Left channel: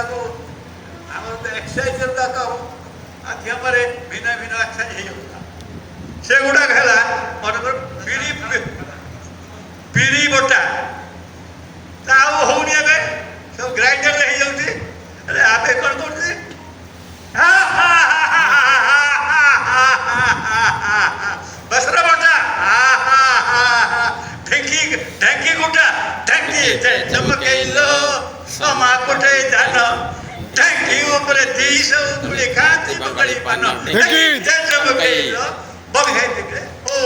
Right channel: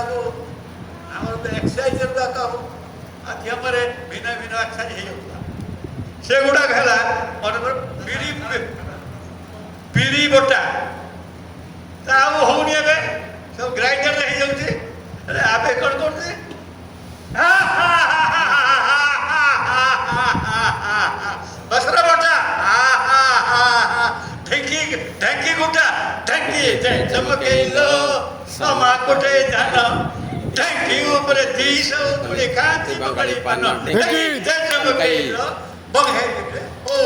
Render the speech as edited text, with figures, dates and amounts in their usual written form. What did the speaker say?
ଯାକୁ ଆମର ଗୋଟେ ଏକ୍ସରସାଇଜ୍ ଦରକାର ଆଜି ଆମର ଭିନ୍ନ ଭିନ୍ନ ଏକ୍ସରସାଇଜ୍ ହେଇଯାଉଥିଲା ସେଗୁଡ଼ାକ ହେଲା ମନେକର ବିରି ବଟା ତା ଆଉ ହଉନି ଏବେ ସବୁ ଗ୍ରାଇଣ୍ଡରରେ ହେଇଯାଉଛି ଆରେ ଆମେ କ'ଣ କରୁଛେ ବସ୍ତ୍ର ବଟା ଢେଙ୍କି ଢେଙ୍କି ଗୋଟା ଢେଙ୍କି ଚମକେଇଲ ସମା କୋଟେ ଧାନ ଢେଙ୍କି ଉପରେ ଦିଶ ଉପରେ ଖାନ୍ତି ବଗଳି ପାନ ଢେଙ୍କି ଚମକେଇଲ ବଘେଇ ଓ